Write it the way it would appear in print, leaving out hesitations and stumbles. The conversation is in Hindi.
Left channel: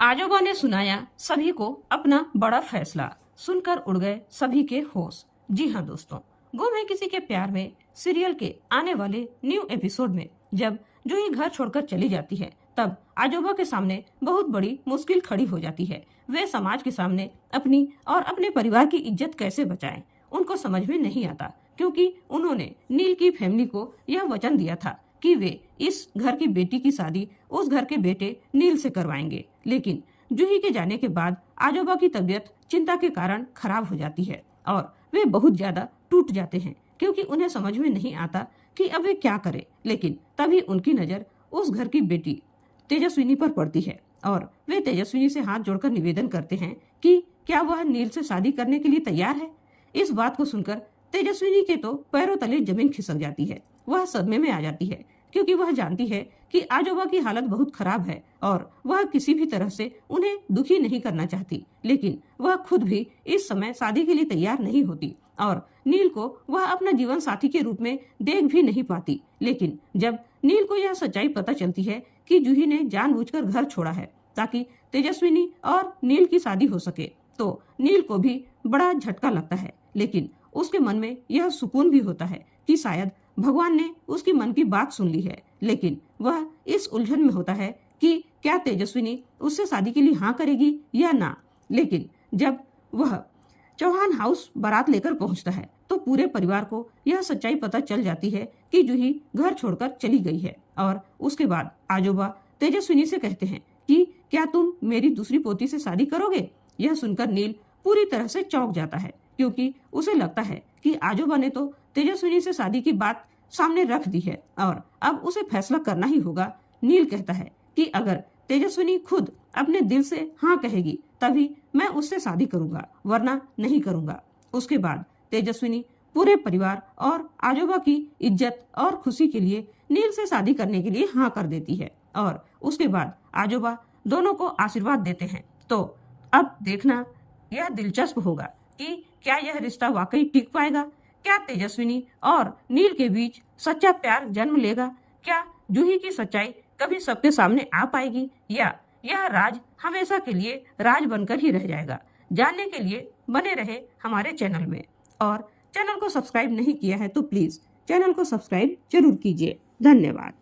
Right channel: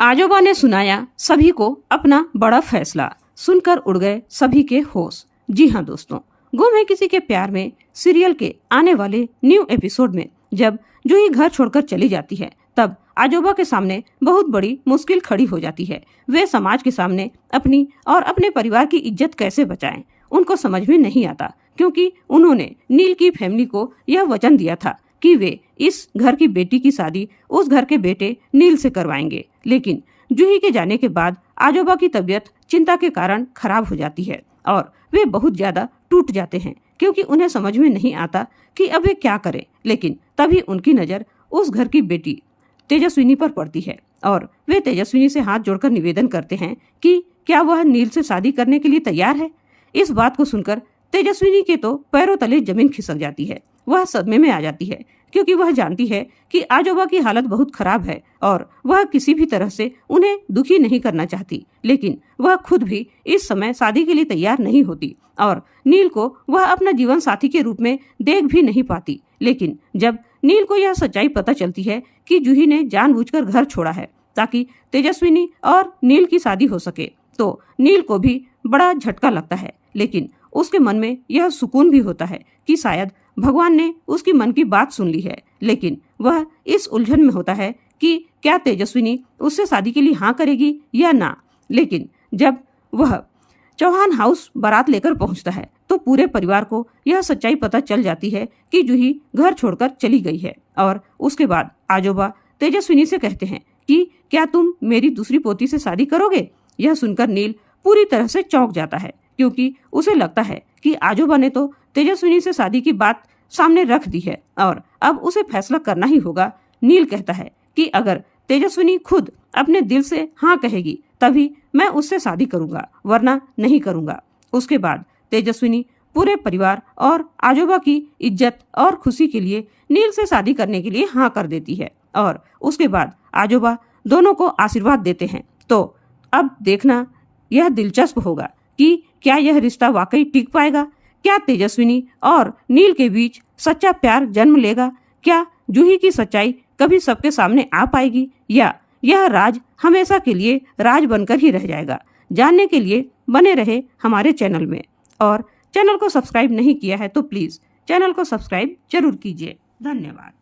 आजोबा ने सुनाया सभी को अपना बड़ा फैसला। सुनकर उड़ गए सभी के होश। जी हाँ दोस्तों, गुम है किसी के प्यार में सीरियल के आने वाले न्यू एपिसोड में जब जूही घर छोड़कर चली जाती है, तब आजोबा के सामने बहुत बड़ी मुश्किल खड़ी हो जाती है। वे समाज के सामने अपनी और अपने परिवार की इज्जत कैसे बचाएं, उनको समझ में नहीं आता, क्योंकि उन्होंने नील की फैमिली को यह वचन दिया था कि वे इस घर की बेटी की शादी उस घर के बेटे नील से करवाएंगे। लेकिन जूही के जाने के बाद आजोबा की तबीयत चिंता के कारण खराब हो जाती है और वे बहुत ज्यादा टूट जाते हैं, क्योंकि उन्हें समझ में नहीं आता कि अब वे क्या करें। लेकिन तभी उनकी नज़र उस घर की बेटी तेजस्विनी पर पड़ती है और वे तेजस्विनी से हाथ जोड़कर निवेदन करते हैं कि क्या वह नील से शादी करने के लिए तैयार है। इस बात को सुनकर तेजस्विनी के तो पैरों तले जमीन खिसक जाती है। वह सदमे में आ जाती है, क्योंकि वह जानती है कि आजोबा की हालत बहुत खराब है और वह किसी भी तरह से उन्हें दुखी नहीं करना चाहती। लेकिन वह खुद भी इस समय शादी के लिए तैयार नहीं होती और नील को वह अपना जीवन साथी के रूप में देख भी नहीं पाती। लेकिन जब नील को यह सच्चाई पता चलती है कि जूही ने जानबूझकर घर छोड़ा है ताकि तेजस्विनी और नील की शादी हो सके, तो नील को भी बड़ा झटका लगता है। लेकिन उसके मन में यह सुकून भी होता है कि शायद भगवान ने उसकी मन की बात सुन ली है। लेकिन वह इस उलझन में होता है कि क्या तेजस्विनी उससे शादी के लिए हाँ करेगी या ना। लेकिन जब वह चौहान हाउस बारात लेकर पहुंचता है तो पूरे परिवार को यह सच्चाई पता चल जाती है कि जूही घर छोड़कर चली गई है। और उसके बाद आजोबा तेजस्विनी से कहते हैं कि क्या तुम मेरी दूसरी पोती से शादी करोगे। यह सुनकर नील पूरी तरह से चौंक जाता है, क्योंकि उसे लगता है कि आजोबा ने तो तेजस्विनी से शादी की बात सामने रख दी है और अब उसे फैसला करना ही होगा। नील कहता है कि अगर तेजस्विनी खुद अपने दिल से हाँ कहेगी तभी मैं उससे शादी करूंगा, वरना नहीं करूंगा। उसके बाद तेजस्विनी पूरे परिवार और आजोबा की इज्जत और खुशी के लिए नील से शादी करने के लिए हाँ कर देती है और उसके बाद आजोबा दोनों को आशीर्वाद देते हैं। तो अब देखना यह दिलचस्प होगा कि क्या यह रिश्ता वाकई टिक पाएगा। क्या तेजस्विनी और नील के बीच सच्चा प्यार जन्म लेगा। क्या जूही की सच्चाई कभी सबके सामने आ पाएगी, या यह राज हमेशा के लिए राज बनकर ही रह जाएगा। जानने के लिए बने रहे हमारे चैनल में, और चैनल को सब्सक्राइब नहीं किया है तो प्लीज़ चैनल को सब्सक्राइब जरूर कीजिए। धन्यवाद।